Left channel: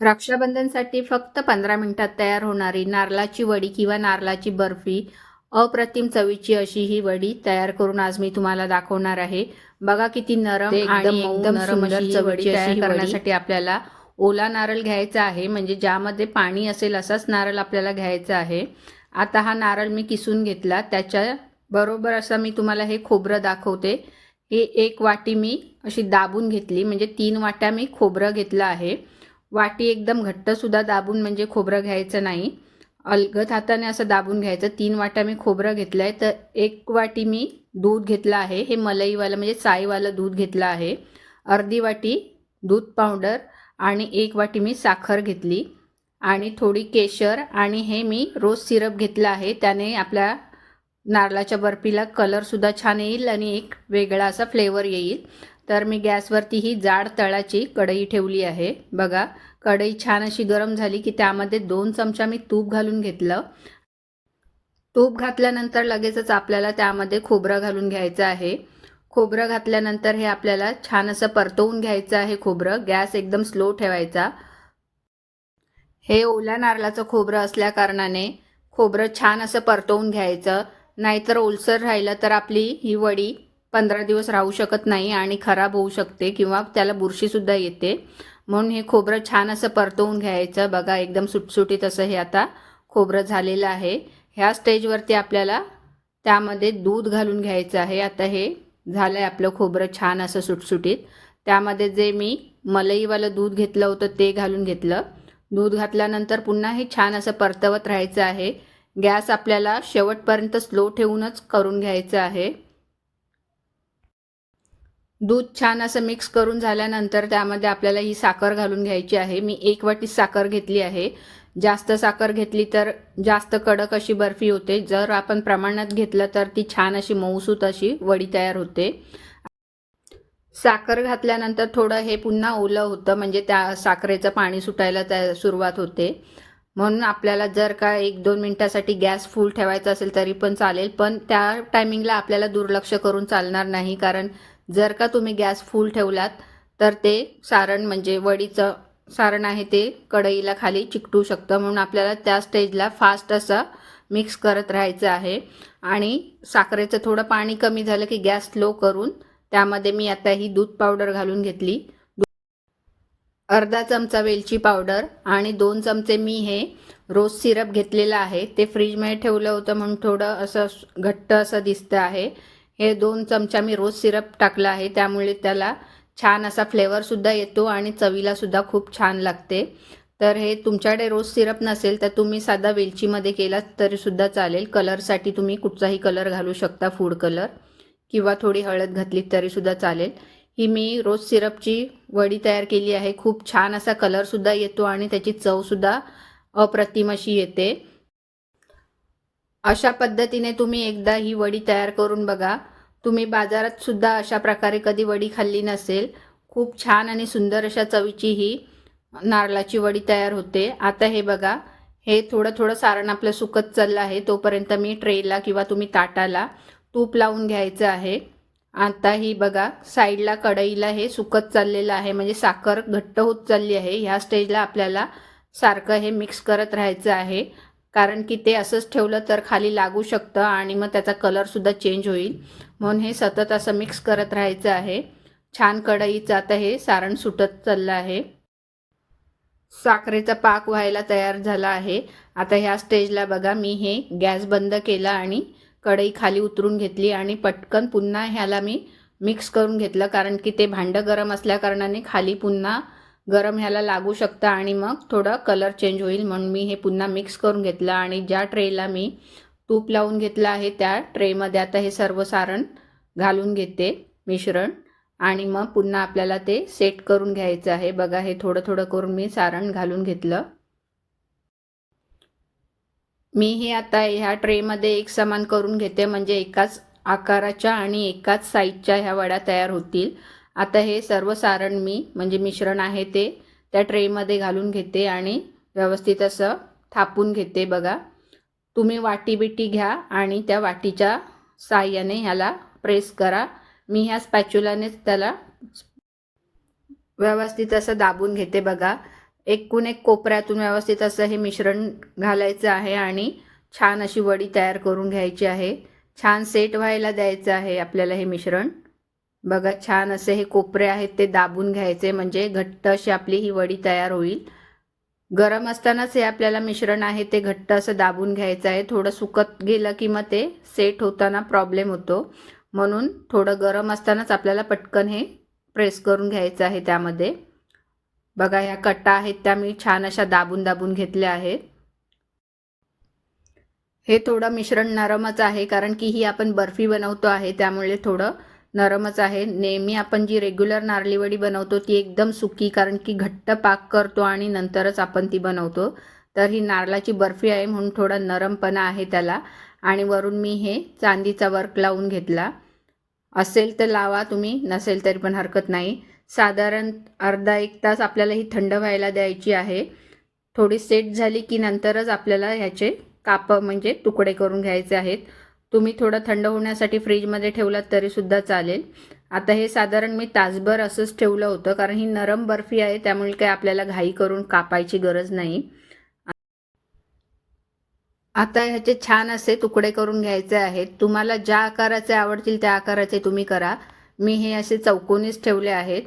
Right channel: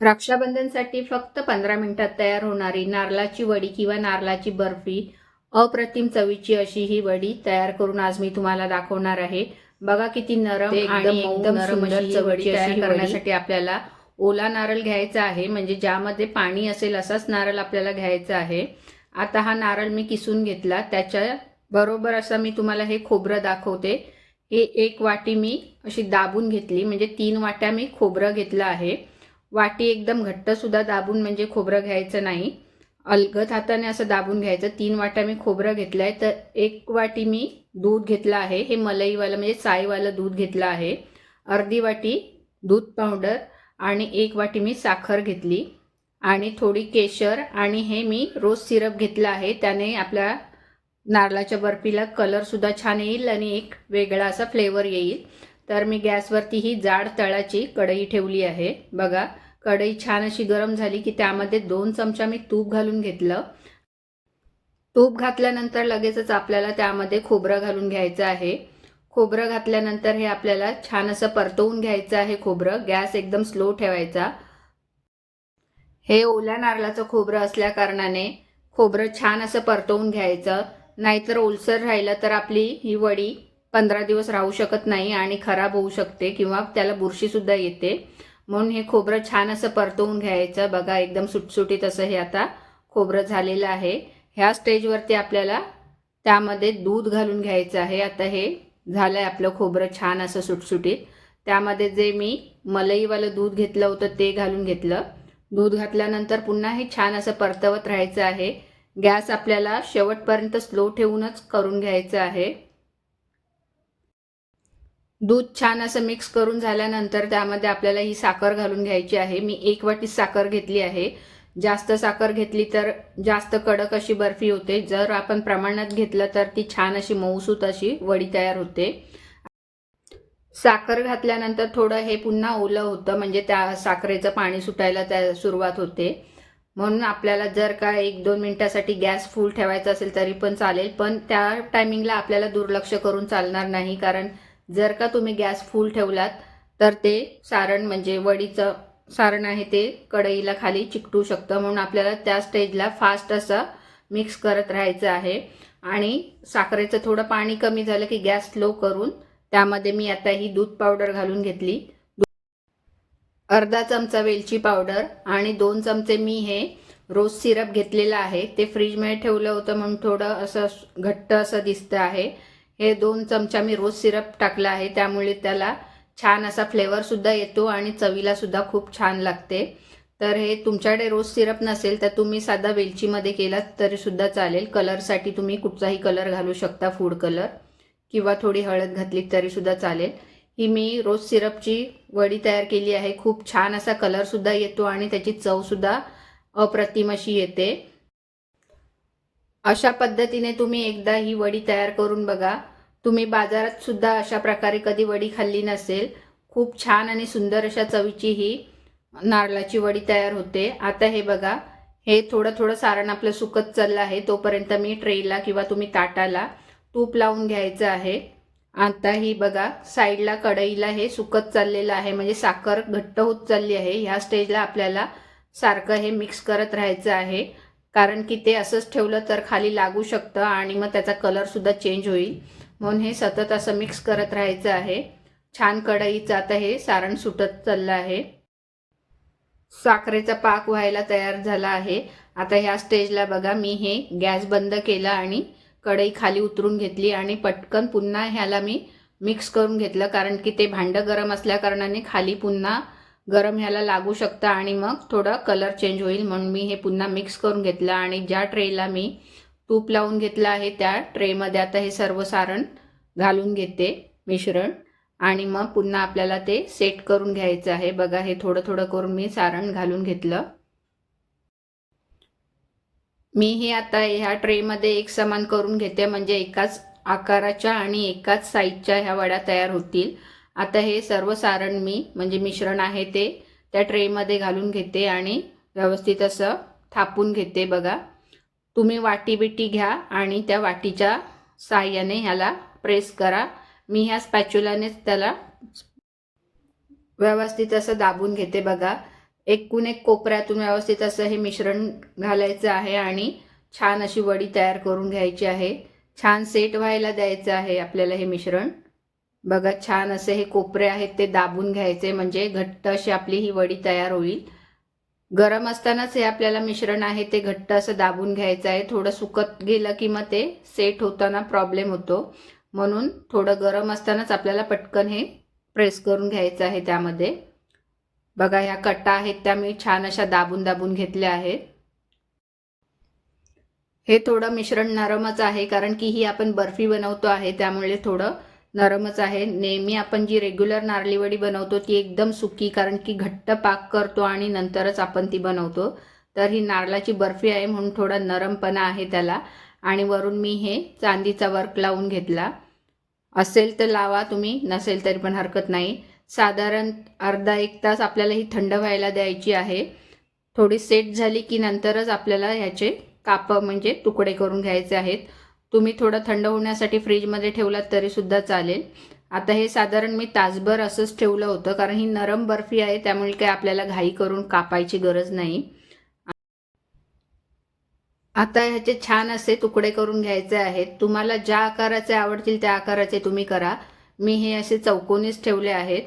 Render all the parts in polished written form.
रक्षाबंधनसाठी फक्त 15 मिनिटात तयार होणारी नारळाची वडी किंवा नारळाची बर्फी, अप्रतिम चवीची अशी ही वडी तयार करून आज मी तुम्हाला दाखवणार आहे। बघा किती नरम आणि एकदम सुंदर चवीची तयार करण्यासाठी आपल्याला ओला नारळ घ्यायचा आहे, म्हणजे ज्यामध्ये पाणी असेल असाच नारळ आपल्याला घ्यायचा आहे। आता हा नारळ मी किसून घेतला, त्याच्या बरोबर असं मी तुम्हाला हे खोबरं दाखवते। हे 1 वाटी मी अशी दाबून घेतली, म्हणजे 3 वाट्या मी खोबरं घेतलं आहे। वाटी एकदम घट्ट सुद्धा दाबून म्हणजे खोबरं घ्यायचं नाही, अलगद हाताने असं दाबून घ्यायचं। 3 वाट्या मी खोबरं घेतलंय। तर 1 वाटी मी दूध घेतलं आहे, हे मलईवालं म्हणजे साईवालं दूध घेतलं आहे। अर्धी वाटी दूध पावडर आणि 1 वाटी मी साखर घेतली आणि थोडी केशर आणि हे मी रोज सिरप घेतला आहे। त्याने आपल्या नारळाच्या बर्फीला कलर सुद्धा छान येईल आणि एक वेगळा असा फ्लेवर येईल। तर मी गॅसवरती ही जाड तळाची कढई ठेवली आहे। बघा कढई छान अशी गरम झाली की त्यामध्ये 2 चमचा मी तूप घालून घेतलं। तूप घातल्यानंतर लगेचच आपल्याला त्यामध्ये खोबरं घालून घ्यायचं आहे। खोबरं घातल्यानंतर हे आपल्याला छान असं परतवून घ्यायचं आहे। खोबरं गॅस एकदम स्लो ठेवायचा। हे ओल्या नारळाचं खोबरं असल्या कारणाने खोबरं छान असं परतवून घ्यायचं, नाहीतर ओलसर राहिलं तर आपली ही वडी 15 दिवस राहू शकत नाही आणि खराब होऊ शकते किंवा त्याला बुरशी सुद्धा येते। म्हणून हे खोबरं छान असं परतवून घ्यायचं। बघा एकदम सुटसुटीत असं हे आता खोबरं झालेलं आहे। ह्या स्टेजवरती आपल्याला त्यामध्ये दूध घालून घ्यायचं आहे। आता हे झालंय आपलं खोबरं छान असं सुटसुटीत। त्यामध्ये जे मी मलईवालं दूध घेतलं होतं ते घालून घेतलं। दूध घातल्यानंतर पुन्हा हे छान असं परतवत राहायचं आहे। गॅस आपल्याला शेवटपर्यंत स्लो ठेवूनच करून घ्यायचं आहे। दूध छान असं मिक्स करून झाल्यानंतर त्यामध्ये आपल्याला ही साखर घालून घ्यायची आहे। मी 1 वाटी साखर घेतली आहे। जास्त साखर घेतली तर जास्त कडक अशी बर्फी होते, जर आपण प्रमाणात घेतलं तर ती छान अशी मऊसूत अशी वडी तयार होते। साखर घातल्यानंतर थोडं हे पुन्हा ओलं होतं, म्हणजे त्या साखरेचं पाणी सुटायला सुरुवात होते। म्हणून आपल्याला जर का 1-2 मिनिटासाठी गॅस फुल ठेवायचा असेल तरी पण चालेल, पण त्या टायमिंगला आपल्याला दुर्लक्ष करून चालणार नाही, कारण जर का तुम्ही गॅस फुल ठेवलात तर ते सारण म्हणजे वडीचं सारण आहे ते कढईला खाली चिकटू शकतं। म्हणून आपल्याला त्या स्टेजला फास्ट असं मिक्स करत राहायचं आहे। आणि साखरेचं थोडं पाणी कमी झालं की गॅस स्लो करून त्यामध्ये मी आता ही दूध पावडर घालून घेतली। अर्धा चमचा वेलची पावडर आणि 2 चमचे मी हे रोज सिरप घेतलेलं आहे। ते फ्रीजमध्ये ठेवलं होतं म्हणून थोडं असं घट्ट असं दिसतं आहे। हे 2 चमचा मी रोज सिरप टाकला आहे, त्यामुळे त्याला छान असा फ्लेवर सुद्धा येतो आणि चवीला सुद्धा खूप छान लागते। तर हे तुमच्याकडे रोज सिरप नसेल तर तुम्ही साधा वेलचीमध्ये केलात तरी सुद्धा चालेल। कलरसाठी तुम्ही कुठचाही कलर घालू शकता, फूड कलर, किंवा थोडी हळद घातली तरी सुद्धा चालेल। ही मी रोज सिरपची वडी तयार केली आहे। खूप छान असा कलर सुद्धा येतो आणि त्याची चव सुद्धा अप्रतिम अशी येते। अशा पद्धतीने तुम्ही एकदा ही वडी तयार करून बघा। तुम्ही बाजारात सुद्धा अशा प्रकारे कधी वडी खाल्ली नसेल। खूप छान आणि सुंदर अशा चवीची ही नारळाची वडी तयार होते। आता हे बघा, हे थोडं थोडं सारण आपलं सुकत चाललं आहे, तोपर्यंत मी ट्रेला किंवा तुम्ही ताटाला तूप लावून घ्यायचं आहे। आता ही बघा साईडला कढईला हे सुकत चाललेलं आहे, म्हणजे साखर घट्ट होत चालली आहे। ह्या स्टेजला आपल्याला सारखं हे मिक्स करत राहायचं आहे, कारण की ते असंच ठेवलं तर खाली लागू शकतं आणि मग त्याचा कलर सुद्धा चेंज होईल। म्हणून हे सतत असं मिक्स करत राहायचं आहे। छान कढईचं आता हे सारण सुटत चाललं आहे। साखरेचा पाक व्हायला तयार झाला आहे। आता ह्या स्टेजला बघा मी हे गॅस बंद केला आणि कढई खाली उतरून घेतली आणि पटकन पुन्हा ह्याला मी मिक्स करून घेतलं, कारण की ते भांडं गरम असल्या कारणाने खाली पुन्हा गरम ह्याला लागू शकतं आणि मग थोडा कलर चेंज होईल। म्हणून मी हे पुन्हा मिक्स करून घेतलं आणि ज्या ट्रेला मी तूप लावून घेतलं आहे त्या ट्रेमध्ये आता हे सर्व सारण घालून घेते मिश्रण, आणि मग पुन्हा आपल्याला ते सेट करून घ्यायचं आहे। बघा हे थोडं थोडं करून मी सारण घालून घेतलं। मी हे आता ह्या ट्रेमध्ये एक समान करून घेते, म्हणजे एकाच आकाराच्या आणि एकाच साईजच्या ह्या वड्या तयार होतील। आता हे सर्व सारण मी म्हणजे मिश्रण आहे ते त्या ट्रेमध्ये घालून घेते आणि व्यवस्थित असं थापून घेते। बघा तुम्ही वाटी बिटी घ्या आणि त्या वाटीच्या साहाय्याने ह्याला प्रेस करा। मी ह्या स्पॅच्युलानेच त्याला व्यवस्थित असं दाबून घेते। बघा एकूण एक कोपऱ्यातून व्यवस्थित असं हे मिश्रण घालायचं आहे आणि छान अशी वडी तयार करून घ्यायची आहे. छान सेट व्हायला द्यायचं आहे आपल्याला हे मिश्रण. बघा छान असे हे कोपरे आहेत ते दाबून घ्यायचे, म्हणजे घट्ट अशी आपली ही वडी तयार होईल. गरम असतानाच हे आपल्याला मिश्रण आहे ते घट्ट असं दाबून घ्यायचं आहे. थोडं सुकत गेलं की मग ते सेट होताना प्रॉब्लेम होतो, म्हणून थोडं गरम असतानाच आपल्याला पटकन हे प्रेस करून घ्यायचं आहे त्यामध्ये. बघा ह्या कट्टा आहेत त्या मी छान अशा दाबून दाबून घेतल्या आहेत. हे थोडं मिश्रण नरमच आहे, कारण की ही आपण बर्फी बनवतो आहे त्यामुळे थोडं नरमच आहे. नेहमी आपण जी रेग्युलर नारळी वडी बनवतो ती एकदम सुकी, कारण की घट्ट पाक करतो आणि नंतरच आपण ती बनवतो. तर ही नारळाची बर्फी आहे म्हणून थोडा नरमपणा आहे त्याला. आणि वरून मी हे चांदीचा वर्क लावून घेतला. असेल तर लावा तुम्ही, नसेल तरी पण हरकत नाही. साधारण अर्धा एक तास आपल्याला ही थंड व्हायला द्यायची आहे. थोडी सेट झाली की नंतरच आपल्याला ह्याचे काप म्हणजे तुकडे करून घ्यायचे आहेत. तुम्ही थोडं थंड होण्यासाठी फ्रीजमध्ये ठेवलात तरीसुद्धा चालेल. आता हे साधारण मी तासभर असंच ठेवलं होतं, कारण ही नरम बर्फी आहे त्यामुळे काही आपल्याला घाई करून कापायची गरज नाही. आता ह्याचे छान असे तुकडे करून घ्यायचे आहेत. तुम्हाला ज्या आकाराचे आवडतील त्या आकाराचे तुम्ही करा. मी हे असे चौकोनीच ठेवले आहेत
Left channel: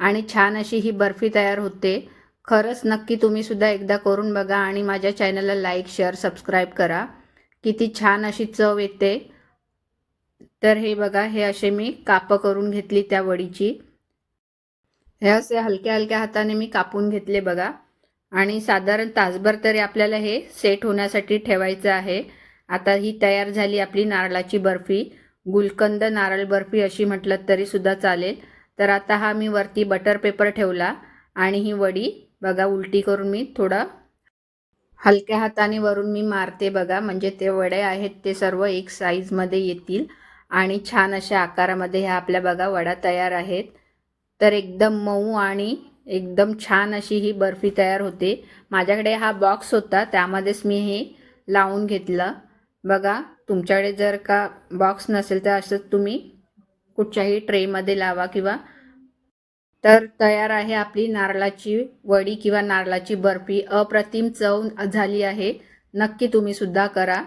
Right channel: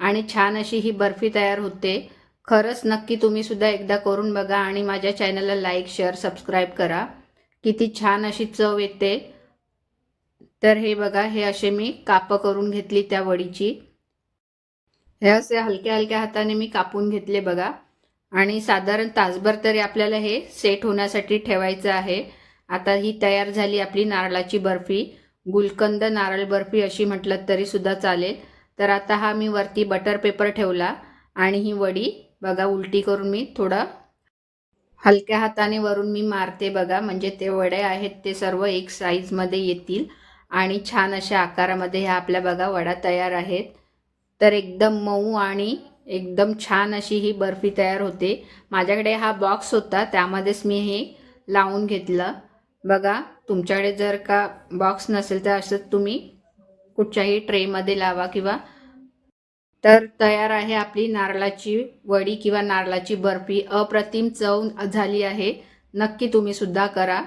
आणि छान अशी ही बर्फी तयार होते. खरंच नक्की तुम्ही सुद्धा एकदा करून बघा आणि माझ्या चॅनलला लाईक, शेअर, सबस्क्राईब करा. किती छान अशी चव येते. तर हे बघा, हे असे मी कापं करून घेतली त्या वडीची. हे असे हलक्या हलक्या हाताने मी कापून घेतले बघा. आणि साधारण तासभर तरी आपल्याला हे सेट होण्यासाठी ठेवायचं आहे. आता ही तयार झाली आपली नारळाची बर्फी. गुलकंद नारळ बर्फी अशी म्हटलं तरी सुद्धा चालेल. तर आता हा मी वरती बटर पेपर ठेवला आणि ही वडी बघा उलटी करून मी थोडं हलक्या हाताने वरून मी मारते बघा, म्हणजे ते वड्या आहेत ते सर्व एक साईजमध्ये येतील आणि छान अशा आकारामध्ये ह्या आपल्या बघा वड्या तयार आहेत. तर एकदम मऊ आणि एकदम छान अशी ही बर्फी तयार होते. माझ्याकडे हा बॉक्स होता त्यामध्येच मी हे लावून घेतलं. बघा तुमच्याकडे जर का बॉक्स नसेल तर असं तुम्ही कुठच्याही ट्रेमध्ये लावा किंवा. तर तयार आहे आपली नारळाची वडी किंवा नारळाची बर्फी. अप्रतिम चव झाली आहे. नक्की तुम्ही सुद्धा करा.